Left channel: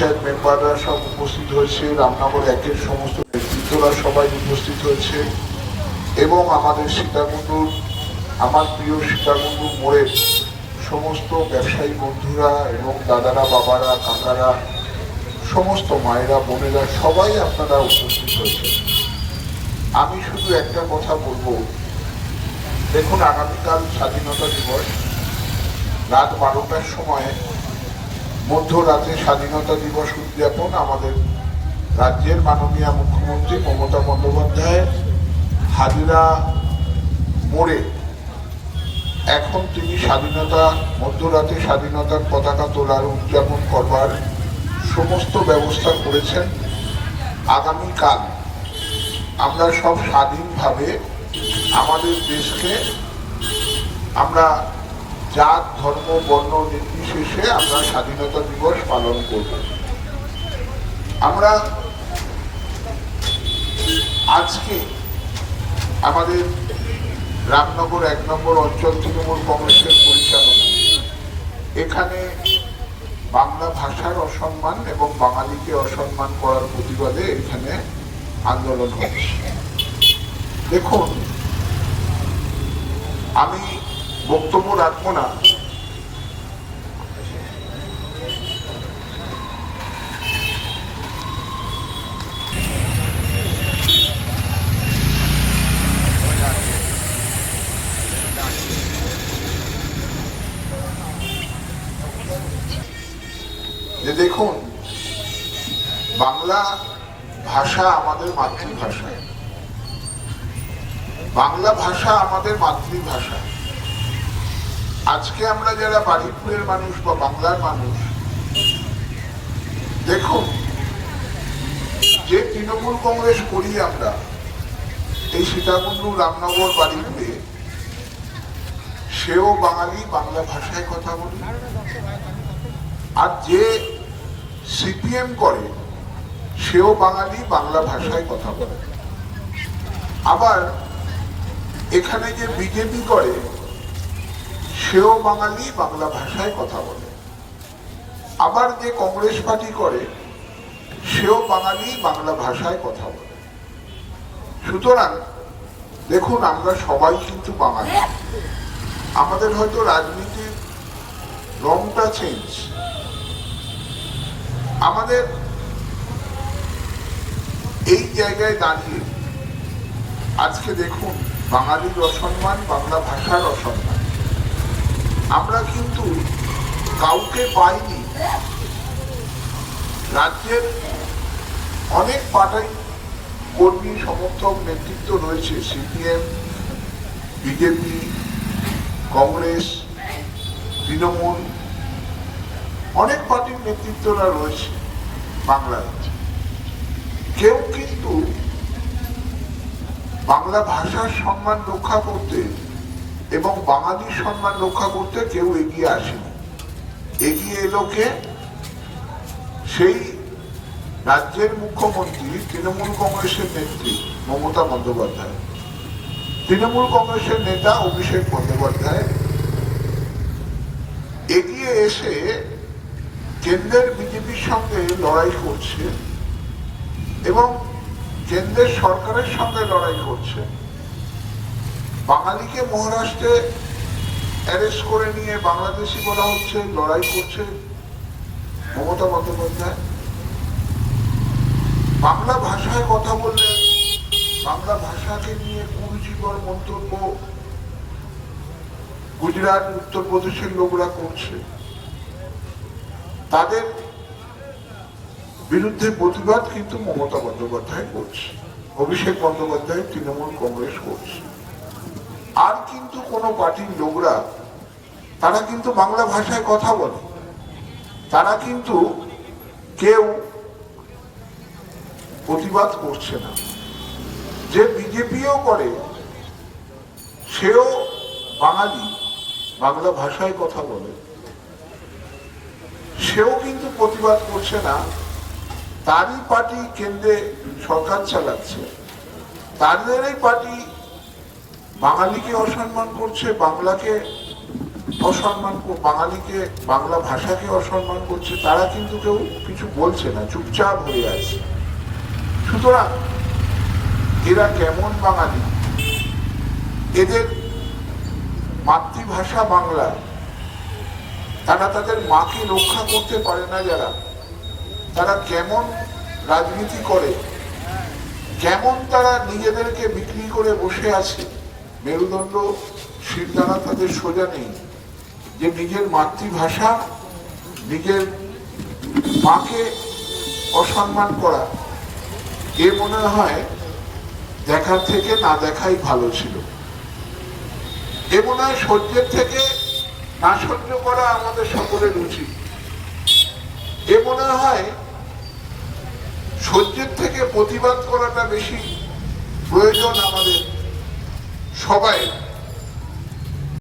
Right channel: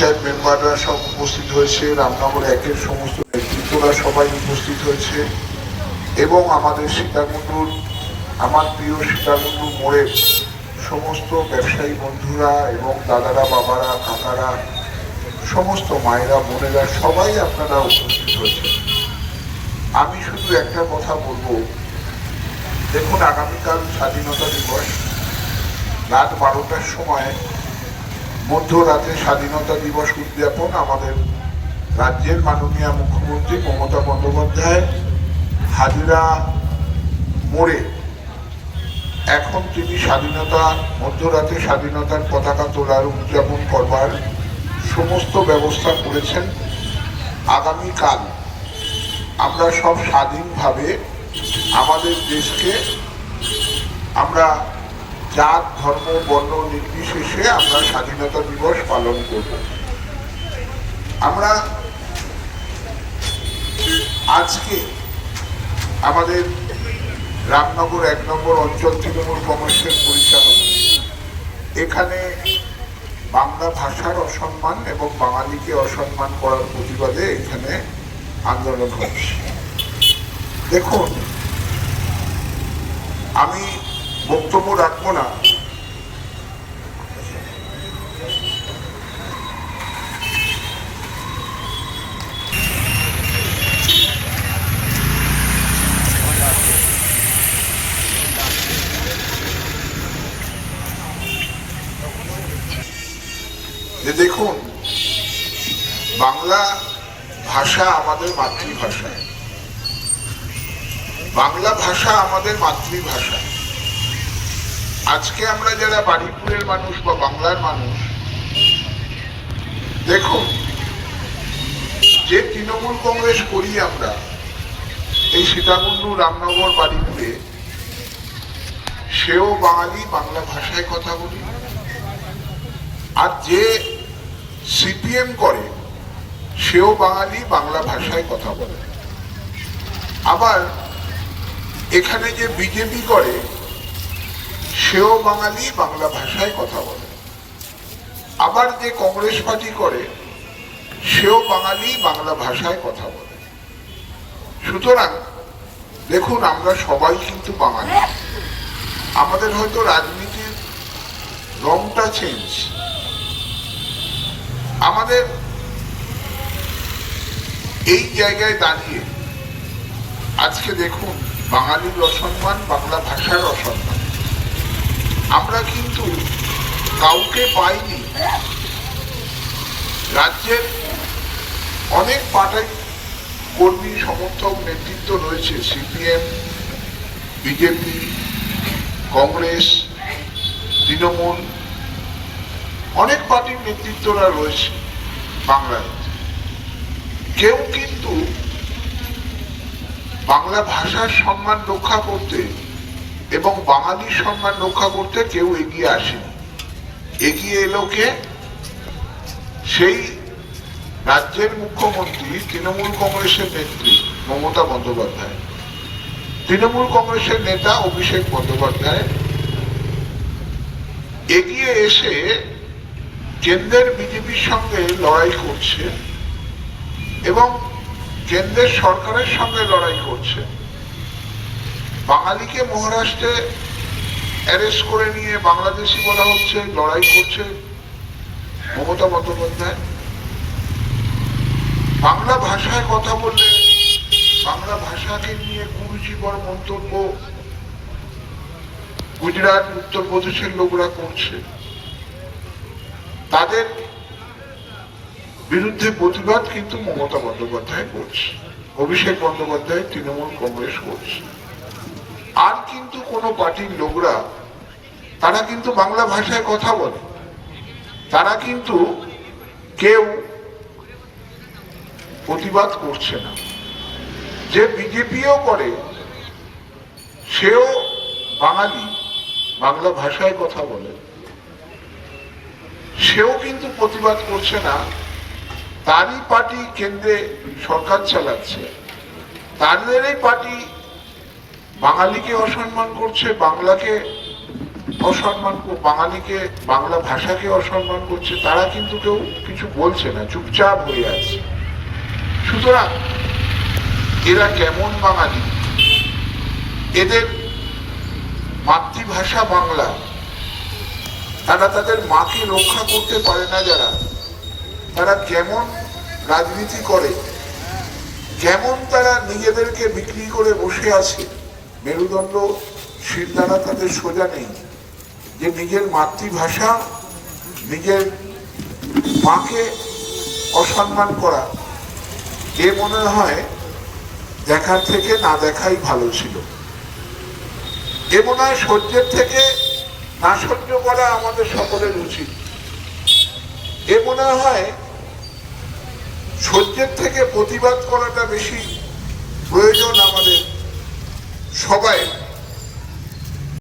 মেম্বাররা সব উপস্থিত হয়েছে একের সমস্ত সবাই উপস্থিত হয়েছে। এবং আমাদের সীতাকুণ্ডুর, আমার প্রিয় মোড়ের সমস্ত ব্যবসায়ী বন্ধুরা এবং দাদারা, বাবারা, কাকারা, সমস্ত মায়েরা, বোনেরা সবাই আপনারা উপস্থিত হয়েছে। আমি শুধু একটা কথা বলব। দেখুন, আগামীকাল স্বাধীনতা দিবস। রাত বারোটার সময় মধ্যরাতে স্বাধীনতা দিবস উদযাপন আমাদের রাজ্যের মাননীয় মুখ্যমন্ত্রী মমতা বন্দ্যোপাধ্যায় হাজিরা মোড়ে। এখন তিনি স্বাধীনতা, মধ্যরাতে স্বাধীনতার পতাকা তোলার উদযাপন করবার সমস্ত ব্যবস্থা করেছেন। আগামীকাল আমরা সব স্বাধীনভাবে আমাদের দেশকে আমরা জাত, ধর্ম, বর্ণ, নির্বিশেষে আমরা স্বাধীনতা দিবস পালন করব। আমরা আজকে আমাদের রামনগর এক নম্বর অঞ্চল তৃণমূল কংগ্রেসের পরিচালনা এখানে বাংলা ভাষার অসম্মান এবং বাঙালিকে অসম্মান করার প্রতিবাদে এখানে আন্দোলন হচ্ছে। দেখুন, আমি বক্তব্য রাখব না। যে দেখুন বাংলা ভাষা আমাদের মাতৃভাষা। বাংলা ভাষা আমাদের মাতৃভাষা। আজকে আমরা যারা বাড়িপুরের মানুষ বা বাংলার মানুষ দেখুন যে তৃণমূল কংগ্রেস করি আমরা, এই সীতাকুণ্ডু রামনগর বাড়িপুরে, সেও বাঙালি, বাংলা ভাষায় কথা বলি। আর যে সিপিএম করে, সেও বাঙালি, বাংলা ভাষায় কথা বলে। আবার এখানে যে বিজেপি করে সেও বাঙালি, বাংলা ভাষায় কথা বলে। আবার যে কংগ্রেস পার্টি করে, সেও বাঙালি, বাংলা ভাষায় কথা বলে। সুতরাং, দেখুন, আমরা সবাই কিন্তু বাঙালি। আমাদের হয়তো রাজনীতির রংটা চেঞ্জ আমাদের এই জায়গায় দাঁড়িয়ে আজকে দেখুন, বাঙালির অসম্মান, বাংলা ভাষার অসম্মান। আমরা কিন্তু কাউকে পাইনি। রাজ্যের অনেক পার্টি কর্মী, সমর্থক, নেতৃত্ব রয়েছে, সিপিএম, বিজেপি, কংগ্রেস, তৃণমূল, অনেক পার্টির নেতৃত্বরা রয়েছে বাংলায়। কেউ কিন্তু বাংলা ভাষার সম্মান রক্ষা করতে এবং বাঙালির সম্মান রক্ষা করতে কেউ এগিয়ে আসেনি। এগিয়ে এলো কে? সেই রাজ্যের মুখ্যমন্ত্রী, তৃণমূল কংগ্রেসের নেত্রী মমতা বন্দ্যোপাধ্যায়। তৃণমূল কংগ্রেসের নেতা অভিষেক বন্দ্যোপাধ্যায়। এগিয়ে এসে কেন্দ্রের বিজেপির সঙ্গে লড়াই করছে এবং কেন্দ্রের সরকারের সঙ্গে লড়াই করছে। বাঙালিকে মহারাষ্ট্রে অ্যারেস্ট করে নিয়ে বাংলাদেশি বলা হচ্ছে, লড়াই করছে মমতা বন্দ্যোপাধ্যায়। বাংলা ভাষায় কথা বললে বাংলা ভাষাকে নিয়ে কুরুচিকর মন্তব্য গুজরাট, উত্তরপ্রদেশের লোকরা করছে। তাদের বিরুদ্ধে প্রতিবাদ কিন্তু মমতা বন্দ্যোপাধ্যায় করছে। অভিষেক বন্দ্যোপাধ্যায়, তৃণমূল কংগ্রেস করছে। আর কিন্তু কোনো পার্টির লোকরা তারা কিন্তু বাংলা ভাষায় কথা বলে। তারা কিন্তু কেউ প্রতিবাদ করছে না। যে বিজেপিও করে, সেও বাঙালি, বাংলা ভাষায় কথা বলে। সেও কিন্তু প্রতিবাদ করছে না। তারই পার্টি কেন্দ্রে সরকার চালাচ্ছে। তাদেরই পার্টি বাঙালিকে অসম্মান করছে, বাংলাকে অসম্মান বাঙালিকে, বাংলা ভাষাকে অসম্মান করছে, তারা কিন্তু কেউ কিছু বলছে না, চুপচাপ হয়ে আছে। সুতরাং এরা কেমন বাঙালি? এদের মাতৃভাষা বাংলা। তারা তাদের মাকে রক্ষা করতে পারে না যারা। তারা কেমন রাজনীতি করে? কেমন তারা নিজেদেরকে বিক্রি করে বসে আছে? মেরুদণ্ড শিরদাঁড়া তাদের সোজা নেই। যে নিজের মাতৃভাষা, নিজের মাকে অসম্মান করা, এ মনে হয় দেখার থেকে না দেখাই ভালো ছিল। এ মনে হয় সহ্যের থেকে না সহ্য করা আমাদের সকলের উচিত। এ মনে হয় সহ্যের থেকে প্রতিবাদ করাটা বেশি প্রয়োজন আমাদের। সবাই